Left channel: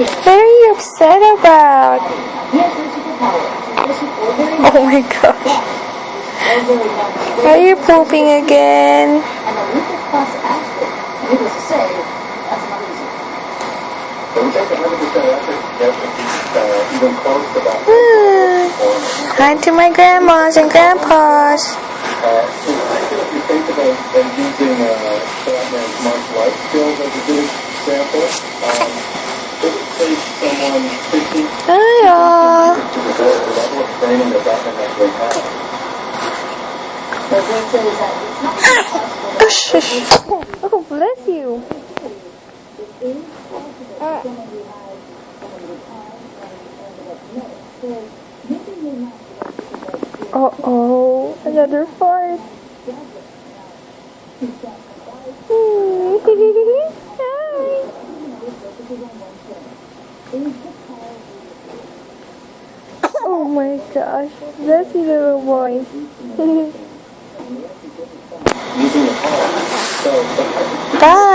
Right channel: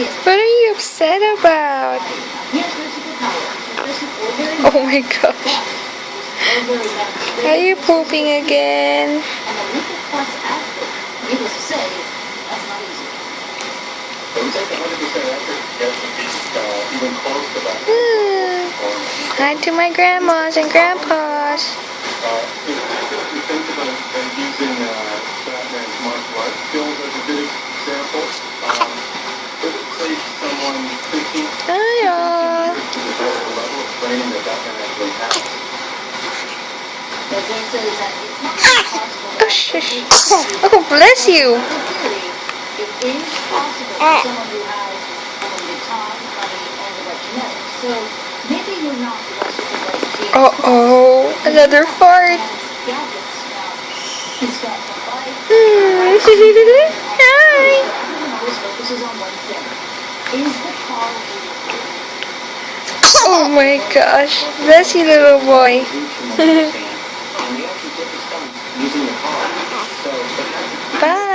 What are you upset about? Oh my gosh. Are you pooping again? On to my grandmas and grandpas. Hi all. Oh, shush. Oh, bless you. Uh-oh, another fart. Hi. Oh my gosh, bless you, little boy. Bye.